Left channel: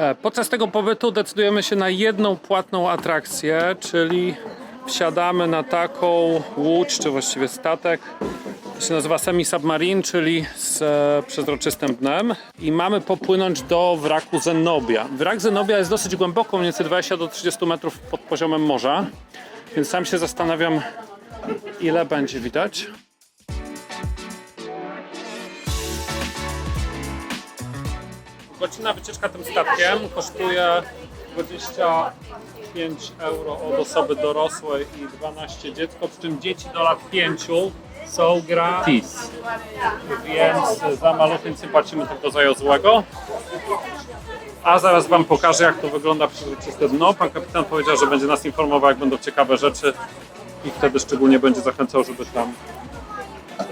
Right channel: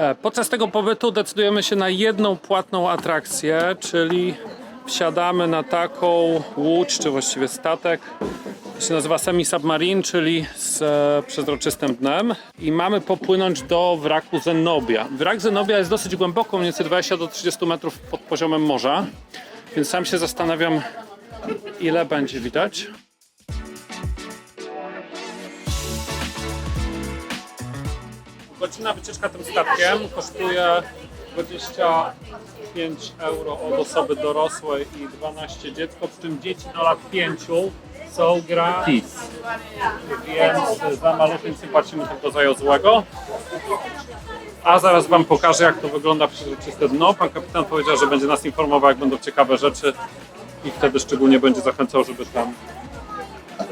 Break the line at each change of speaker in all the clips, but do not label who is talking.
E, Podczas tego pobytu decydujemy się na jedną płatną atrakcję, czyli wsiadamy na taką łódź, czy właściwie statek. To się nazywa semi-submarine, czyli z e, przezroczystym dnem. I mamy popłynąć do wraku Zenobia. Wrak Zenobia jest dosyć głęboko, mniej więcej 20 do 30 metrów pod poziomem morza. Więc sam się zastanawiam, ile będzie widać. Godzina wycieczka tym statkiem kosztuje 25 euro od osoby dorosłej i 12 dziecko, przy czym dzieci do lat 5 są gratis. Więc za maluchy płacimy tylko za złego. A zaraz Wam pokażę, jak to wygląda przezroczyste dno. Pan kapitan powiedział, że będzie nas informował, jak będą ciekawe rzeczy i wtedy szczególnie będzie zachęcał, żeby tam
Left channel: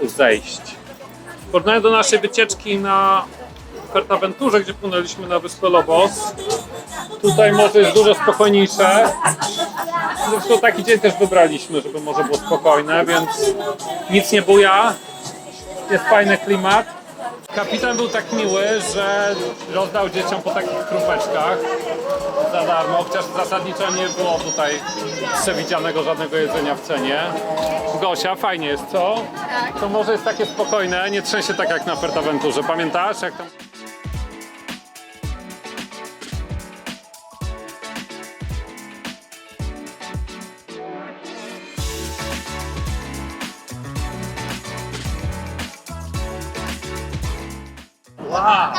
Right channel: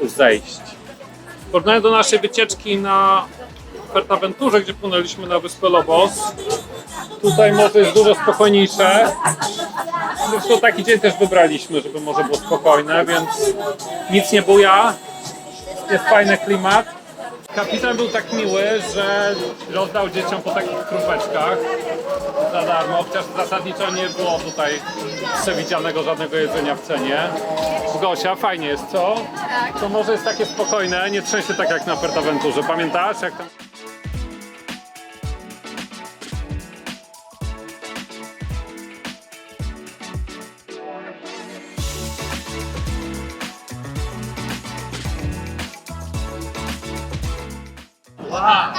zejść. W porównaniu do naszej wycieczki na Fertaventurze, gdzie płynęliśmy na wyspę Lobos, tutaj morze jest dużo spokojniejsze. Zresztą taki dzień też wybraliśmy, żeby morze było spokojne, więc nic nie buja. Jest fajny klimat. Kapitan był tak miły, że rozdał dzieciom po takich krupeczkach za darmo, chociaż zasadniczo nie było tutaj przewidzianego żadnego jedzenia w cenie. Gosia, fajnie jest, co? Tak. To może jest takie spokojne, nie trzęsie tak jak na Fertaventurze. Pamiętasz, jak tam... Wow!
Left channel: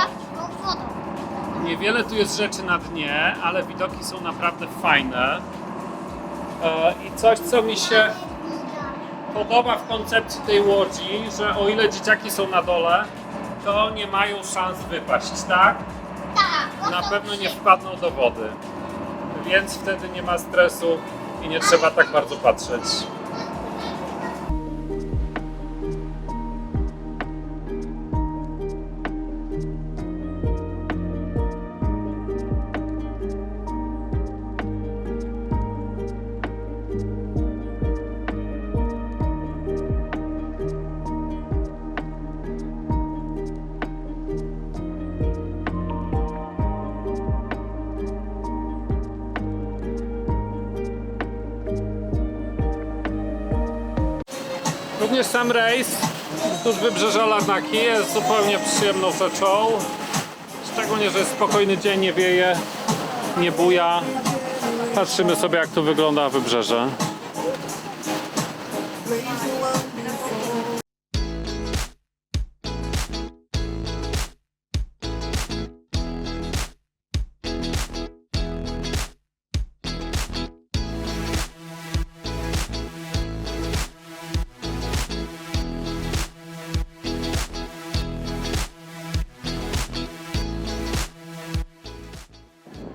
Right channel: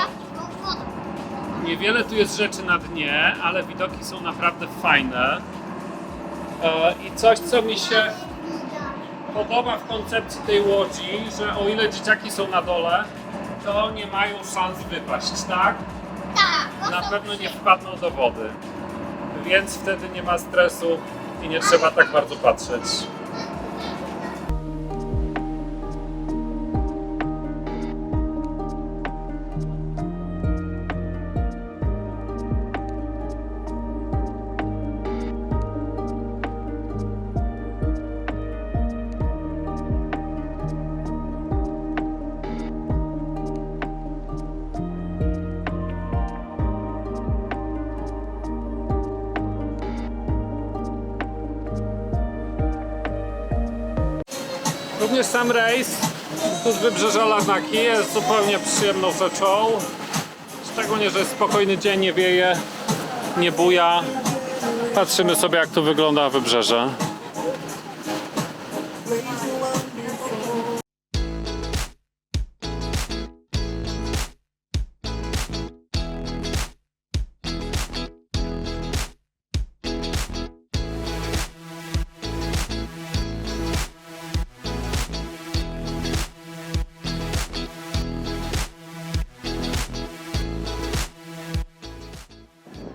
Niewiele tu jest rzeczy na dnie, ale widoki są naprawdę fajne. E, I coś, co mi się podoba w koncepcji tej łodzi, że o ile dzieciaki są na dole, to nie mają szans wypaść, tak? Na pewno nie wpadną do wody. Więc wtedy nie ma stresu i nie trzeba tak bardzo patrzeć. Również sam rejs wzdłuż wybrzeża Larnaki jest zupełnie przyjemną rzeczą. Szczególnie, że jest spokojny dzień, nie wieje, nie buja. Patrzymy sobie jak tu wygląda wybrzeże.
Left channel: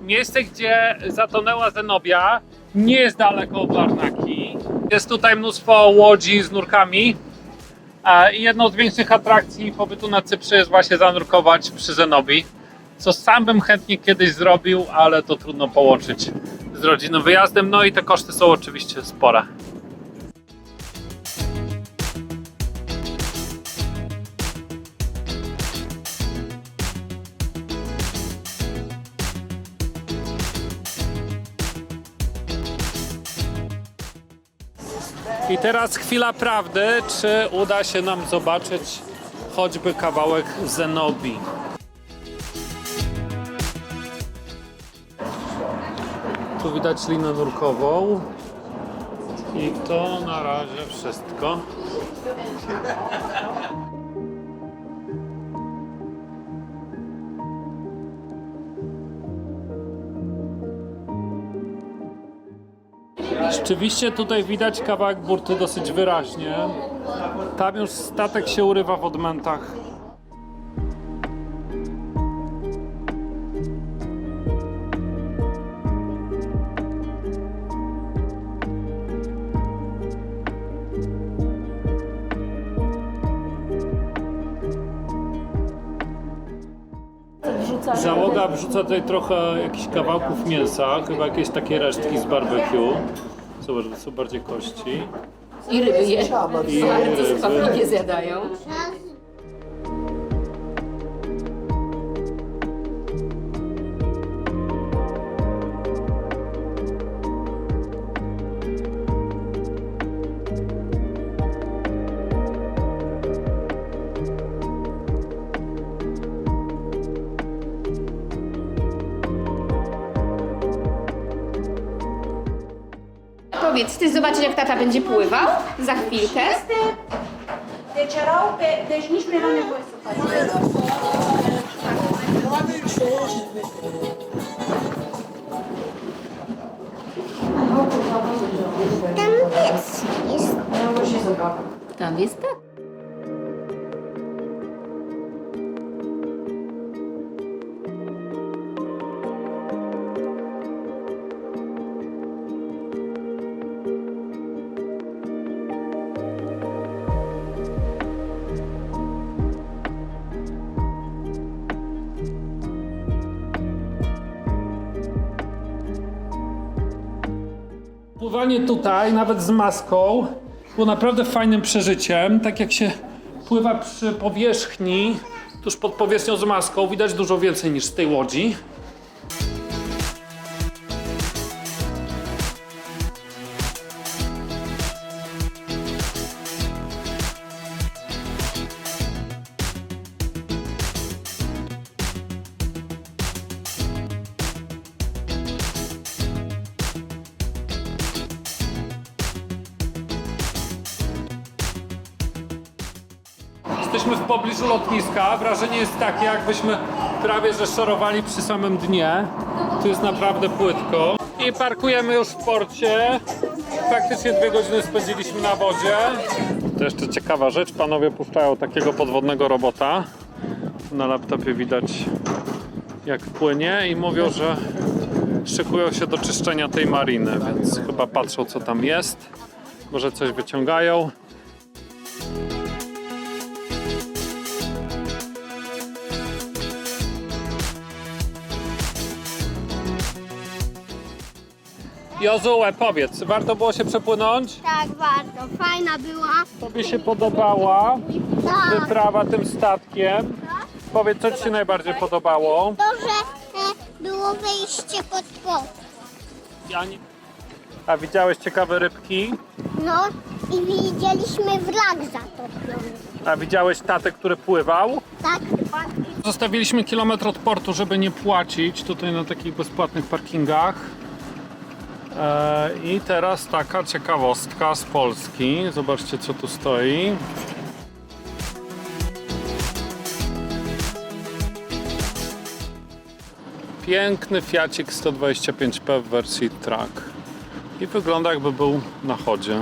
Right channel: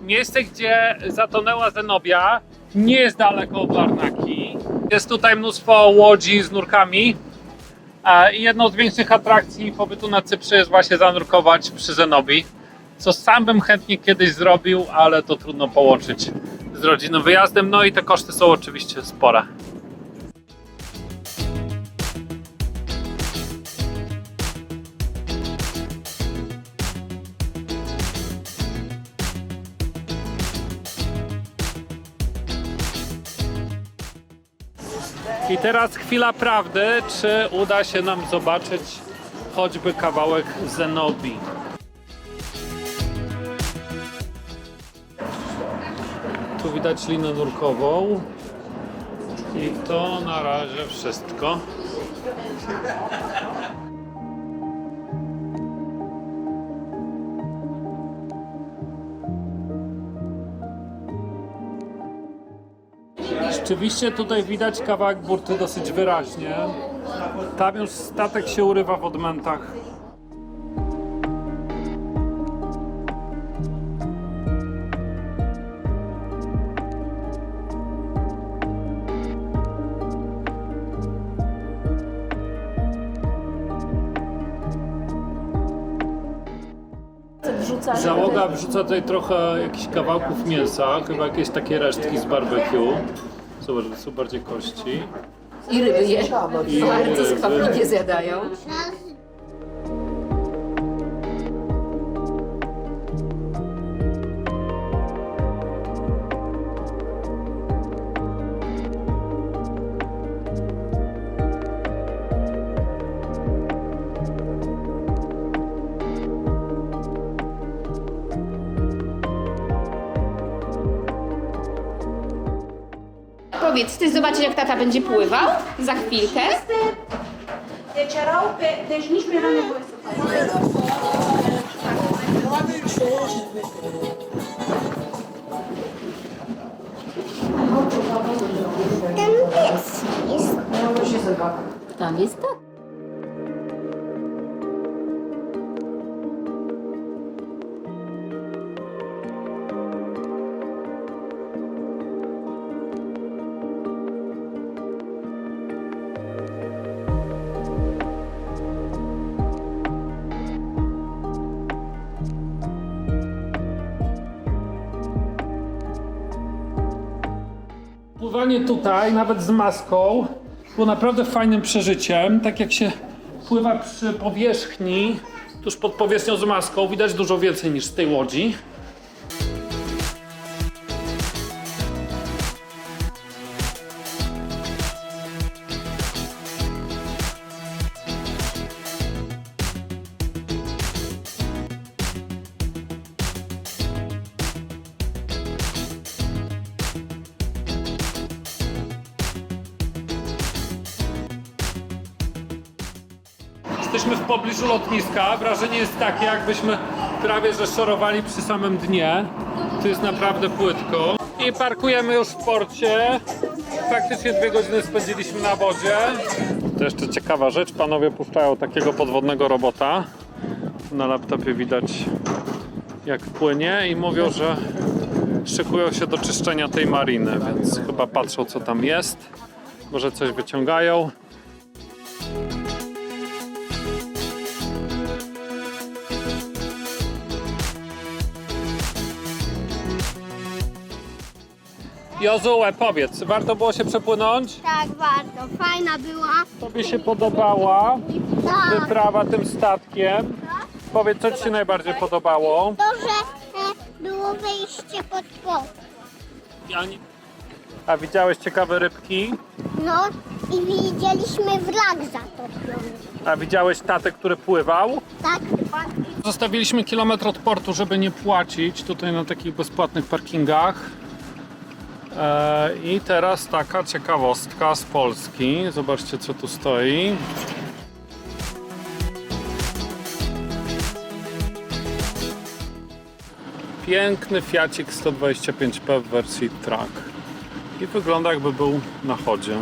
Miejsce, gdzie zatonęła Zenobia, nie jest daleko od Larnaki. Jest tutaj mnóstwo łodzi z nurkami. E, I jedną z większych atrakcji pobytu na Cyprze jest właśnie zanurkować przy Zenobii. Co sam bym chętnie kiedyś zrobił, ale to trudno połączyć z rodzinnym wyjazdem. No i te koszty są oczywiście spore. Teraz chwila prawdy, czy uda się nam zobaczyć choćby kawałek Zenobii. Tu widać linę nurkową. I to na razie wszystko. Rzeczywiście tutaj widać kawałek burty dosyć wyraźnie. Tam już statek się urywa w odmętach. Załoga wrzuca tutaj trochę jakichś kawałków mięsa, chyba jakieś takie resztki z barbecue. Zobacz, to są bardziej kości.
I ryby je.
I ryby.
sami nie zjadają.
Powiedz, chcesz zobaczyć jak tata będzie pływał za chwilkę?
Să faci.
Tam jest tak.
Pływanie tutaj, nawet z maską, było naprawdę fajnym przeżyciem. Tak jak się pływa przy powierzchni, tuż pod powierzchnią z maską, widać dużo więcej niż z tej łodzi. Jesteśmy w pobliżu lotniska. Wrażenie jest takie, jakbyśmy prawie że szorowali przy samym dnie. Tu jest naprawdę płytko. I parkujemy już w porcie. Faktycznie dwie godziny spędziliśmy na wodzie. To jeszcze ciekawa rzecz. Panowie puszczają takiego podwodnego robota. Na laptopie widać jak płynie i mówią, że szykują się do czyszczenia tej mariny, więc chyba patrzą co tam jest. Może coś wyciągają. Jozue, powiedz, warto było się przepłynąć?
Tak, bardzo. Fajna była.
Tobie się podobała
Tak.
wyprawa tym statkiem? Powiedz, co Ci się najbardziej podobało?
To, że e, było wejście pod płot.
A widziałeś ciekawe rybki?
No i widzieliśmy wrak zatopiony.
A widziałeś tatę, który pływał?
Tak?
Zostawiliśmy kilometr od portu, żeby nie płacić tutaj na takich bezpłatnych parkingach. E, I teraz taka ciekawostka z Polski. Zobaczcie, co tu stoi. Piękny Fiacik 125P w wersji track. I wygląda jakby był na chodzie.